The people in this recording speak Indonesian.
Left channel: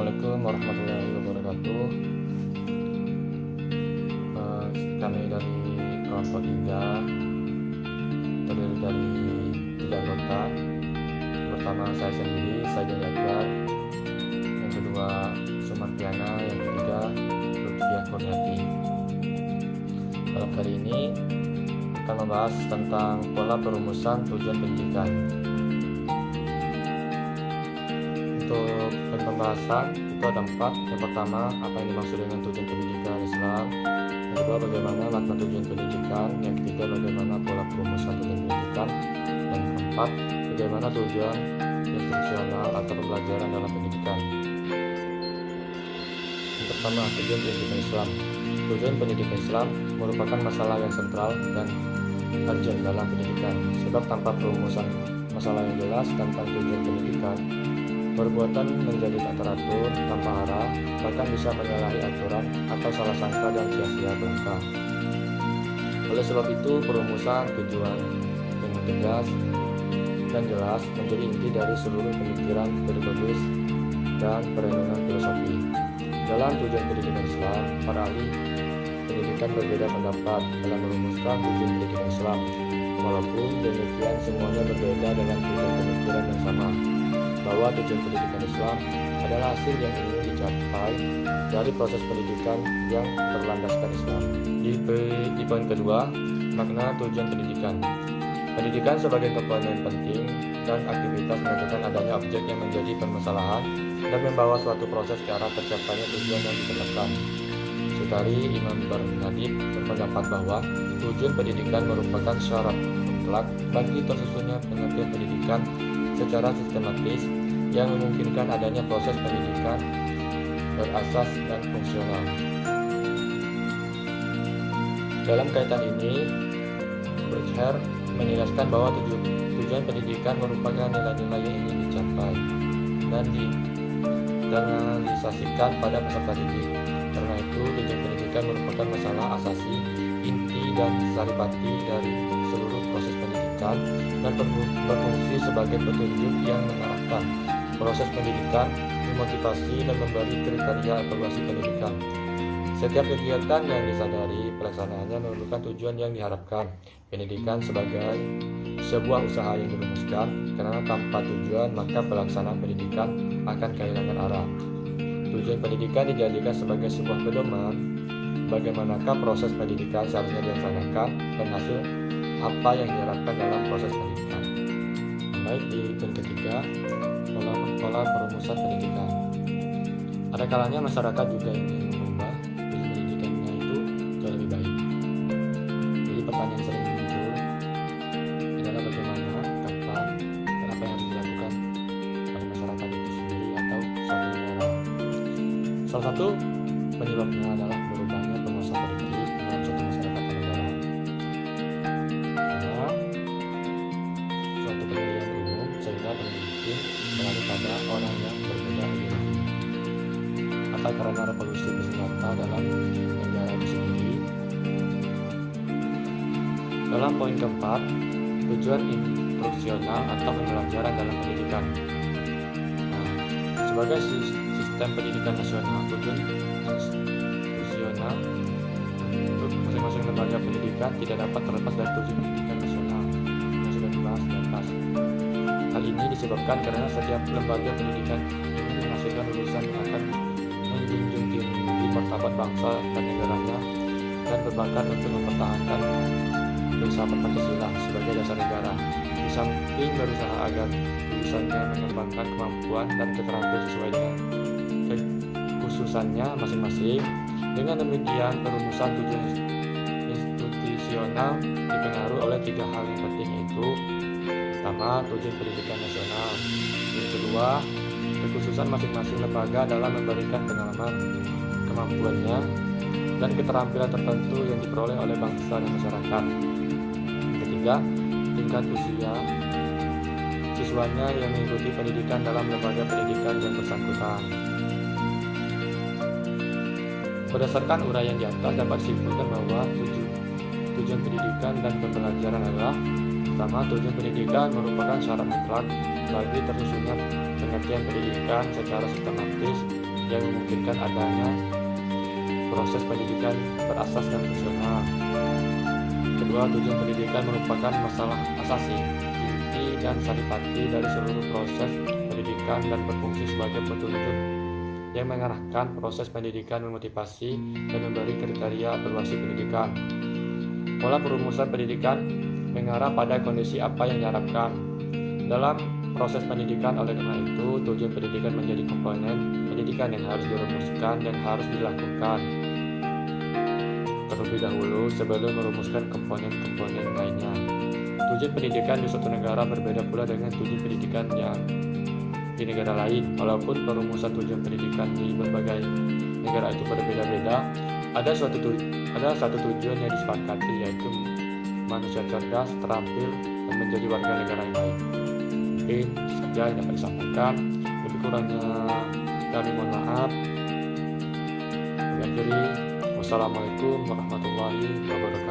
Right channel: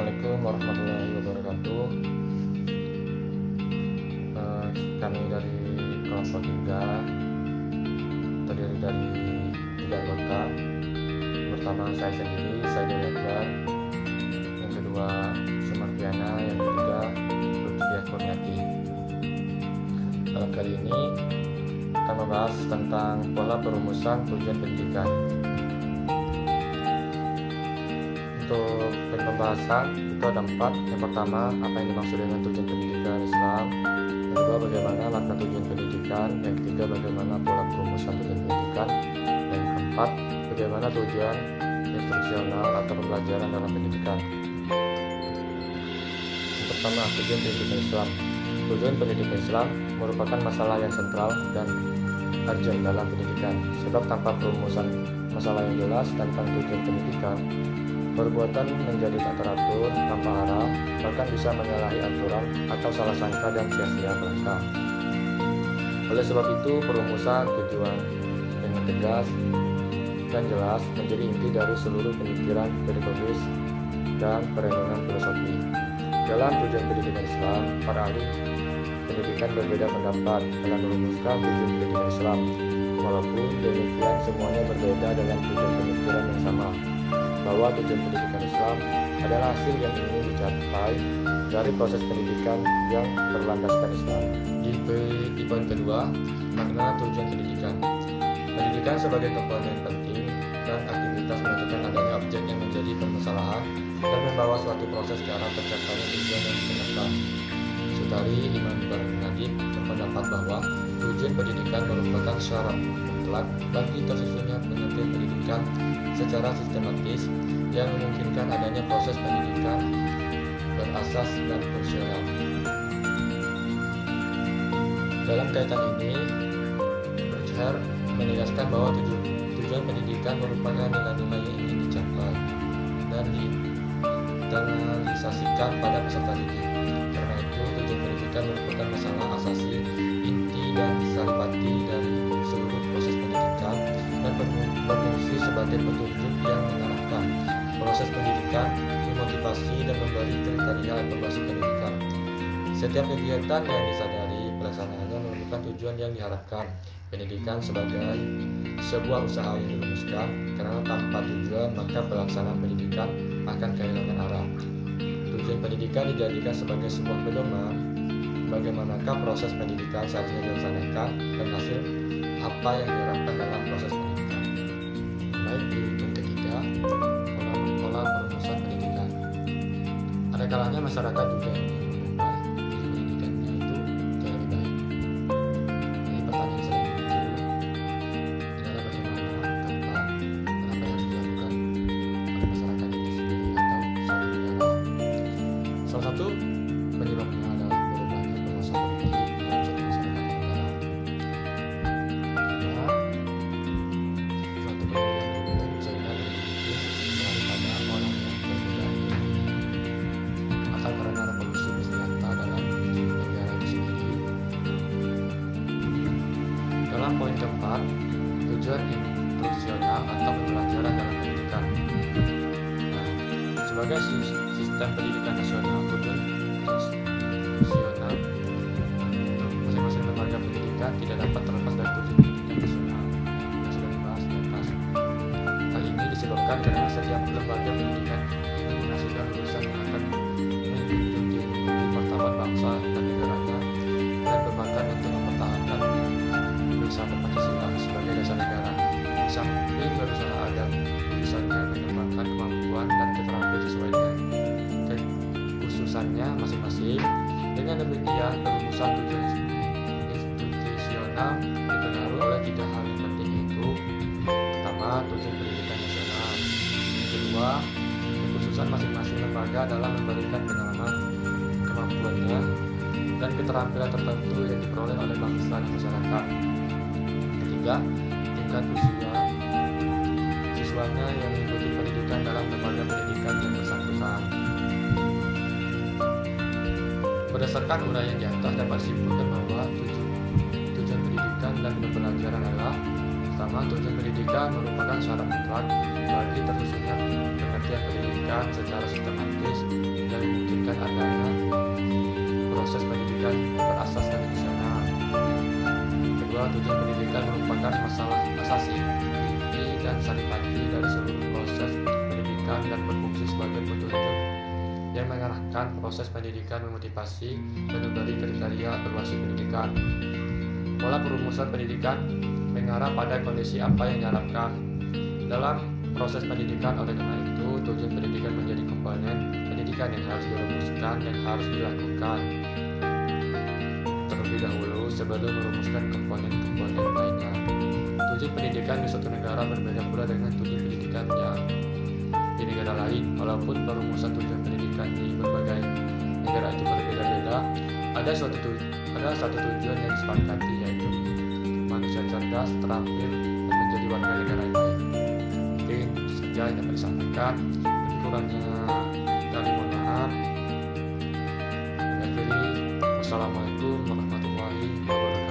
Assalamualaikum warahmatullahi wabarakatuh. Kami dari kelompok 3 terdiri dari 3 anggota. Pertama saya sendiri, saya Akbar. Yang kedua Sumartiana. Yang ketiga Lutfiah Kurniati. Dalam kali ini akan membahas tentang pola perumusan tujuan pendidikan. Untuk pembahasan itu ada 4. Yang pertama, apa yang dimaksud dengan tujuan pendidikan Islam. Yang kedua, bagaimana makna tujuan pendidikan. Yang ketiga, bagaimana pola perumusan tujuan pendidikan. Yang keempat, bagaimana tujuan instruksional atau pembelajaran dalam pendidikan. Yang pertama, tujuan pendidikan Islam. Tujuan pendidikan Islam merupakan masalah yang sentral dan urgent dalam pendidikan. Sebab tanpa perumusan masalah yang jelas tentang tujuan pendidikan, perbuatan menjadi tak teratur, tanpa arah, bahkan bisa menyalahi aturan atau salah sangka dan sia-sia belaka. Oleh sebab itu, perumusan tujuan dengan tegas dan jelas menjadi inti dari seluruh pemikiran pedagogis dan perenungan filosofi. Dalam tujuan pendidikan Islam, para ahli pendidikan berbeda pendapat dalam merumuskan tujuan pendidikan Islam. Walaupun demikian, semuanya berbeda dalam tujuan pemikiran yang sama, bahwa tujuan pendidikan Islam adalah hasil yang ingin dicapai dari proses pendidikan yang berlandaskan Islam. Di poin kedua, makna tujuan pendidikan. Pendidikan sebagai komponen penting dan aktivitas menentukan adanya objek yang menjadi permasalahan dan membawa suatu proses ke arah tercapainya tujuan yang ditetapkan. Sutari Imam Bernadib berpendapat bahwa tujuan pendidikan merupakan syarat mutlak bagi tersusunnya pengertian pendidikan secara sistematis yang memungkinkan adanya proses pendidikan berasas dan fungsional. Dalam kaitan ini, Berger menjelaskan bahwa tujuan pendidikan merupakan nilai-nilai yang ingin dicapai dan diinternalisasikan pada peserta didik. Karena itu, tujuan pendidikan merupakan masalah asasi, inti dan saripati dari seluruh proses pendidikan dan berfungsi sebagai petunjuk yang mengarahkan proses pendidikan, memotivasi dan memberi kriteria evaluasi pendidikan. Setiap kegiatan yang disadari pelaksanaannya memerlukan tujuan yang diharapkan. Pendidikan sebagai sebuah usaha yang dirumuskan, karena tanpa tujuan maka pelaksanaan pendidikan akan kehilangan arah. Tujuan pendidikan dijadikan sebagai sebuah pedoman bagaimanakah proses pendidikan seharusnya dilaksanakan dan hasil apa yang diharapkan dalam proses pendidikan. Baik, di poin ketiga, pola perumusan pendidikan. Ada kalanya masyarakat juga ingin mengubah tujuan pendidikannya itu jauh lebih baik. Jadi pertanyaan sering muncul adalah bagaimana, kapan, dan apa yang harus dilakukan oleh masyarakat itu sendiri atau suatu negara. Salah satu penyebabnya adalah berubahnya penguasa politik dalam suatu masyarakat dan negara. Karena suatu pemilihan umum sehingga pemimpin beralih pada orang yang berbeda ideologi, atau karena revolusi bersenjata dalam negara itu sendiri. Dalam poin keempat, tujuan instruksional atau pembelajaran dalam pendidikan. Sebagai sistem pendidikan nasional, tujuan instruksional untuk masing-masing lembaga pendidikan tidak dapat terlepas dari tujuan pendidikan nasional yang sudah dibahas di atas. Hal ini disebabkan karena setiap lembaga pendidikan ini menghasilkan lulusan yang akan menjunjung tinggi martabat bangsa dan negaranya dan berbakat untuk mempertahankan filsafat Pancasila sebagai dasar negara. Di samping berusaha agar misalnya mengembangkan kemampuan dan keterampilan sesuai dengan kekhususannya masing-masing. Dengan demikian, perumusan tujuan institusional dipengaruhi oleh 3 hal yang penting, yaitu pertama, tujuan pendidikan nasional. Yang kedua, kekhususan masing-masing lembaga dalam memberikan pengalaman kemampuannya dan keterampilan tertentu yang diperoleh oleh bangsa dan masyarakat. Ketiga, tingkat usia siswanya yang mengikuti pendidikan dalam lembaga pendidikan yang bersangkutan. Berdasarkan uraian di atas dapat disimpulkan bahwa tujuan pendidikan dan pembelajaran adalah: pertama, tujuan pendidikan merupakan syarat mutlak bagi tersusunnya pengertian pendidikan secara sistematis yang memungkinkan adanya proses pendidikan berasaskan fungsional. Kedua, tujuan pendidikan merupakan masalah asasi, inti dan saripati dari seluruh proses pendidikan dan berfungsi sebagai petunjuk yang mengarahkan proses pendidikan, memotivasi, dan memberi kriteria evaluasi pendidikan. Pola perumusan pendidikan mengarah pada kondisi apa yang diharapkan dalam proses pendidikan. Oleh karena itu, tujuan pendidikan menjadi komponen pendidikan yang harus dirumuskan dan harus dilakukan terlebih dahulu sebelum merumuskan komponen-komponen lainnya. Tujuan pendidikan di suatu negara berbeda pula dengan tujuan pendidikan yang di negara lain. Walaupun perumusan tujuan pendidikan di berbagai negara itu berbeda-beda, ada satu tujuan yang disepakati, yaitu manusia cerdas, terampil, dan menjadi warga negara yang baik. Mungkin itu saja yang dapat disampaikan. Lebih kurangnya kami mohon maaf. Kami akhiri. Wassalamualaikum warahmatullahi wabarakatuh.